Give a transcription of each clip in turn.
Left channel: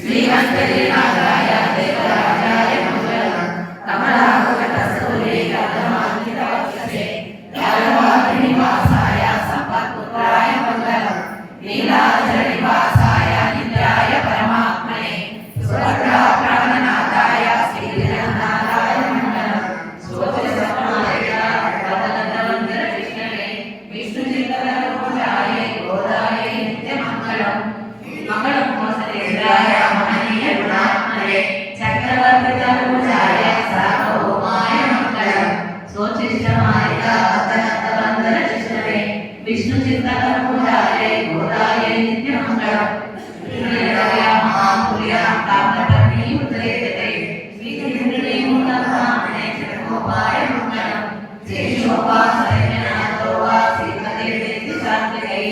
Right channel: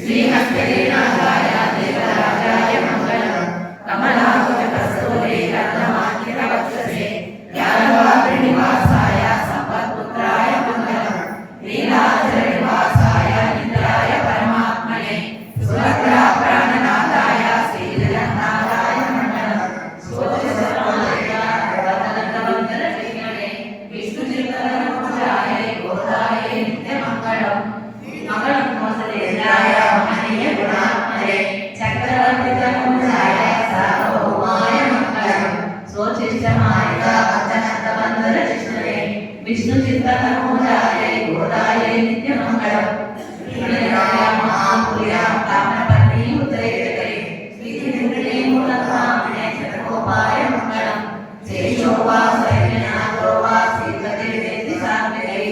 श्रीहस्तलीलाय देवराजाय मंगलम कमलाकटस्थूले कमलान्वितवक्षसे यादवाग्निवासाय संपत्पुत्राय मंगलम नीलाचलनिवासाय निद्राय परमात्मने सुरग्रह प्राणनाथाय श्रीजगन्नाथाय मंगलम स्वस्तिसमाय वदनन्दवन्दन कृष्णवे विष्णुचित्तनरूपाय गोदाय नित्यमङ्गलम् मंगलम वासुदेवाय महनीय गुणात्मने चक्रवर्तितनूजाय सार्वभौमाय मंगलम स्वोच्छिष्टमाय वदनन्दवन्दन कृष्णवे विष्णुचित्तनरूपाय गोदाय नित्यमङ्गलम् श्रीराय महापुर्या ताम्रपत्नी उद्रेजते श्रीकृष्णे मूलधामने जगोपाय मंगलम जयशोभा सैन्यनाथो वा श्रीपते देतिसात्विकै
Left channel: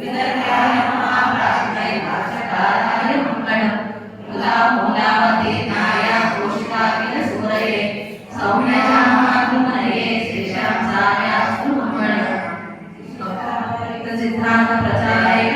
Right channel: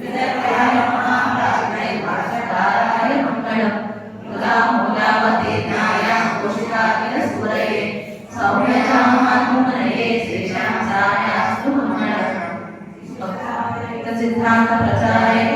विदर्भयाय महाप्राज्ञै वाचकाराय मंगलम मूलामूलावतीर्णाय पोषिताखिलसूरये सौम्यजामातुमनये श्रीशांसायास्तु मंगलम चित्रांग प्रचारे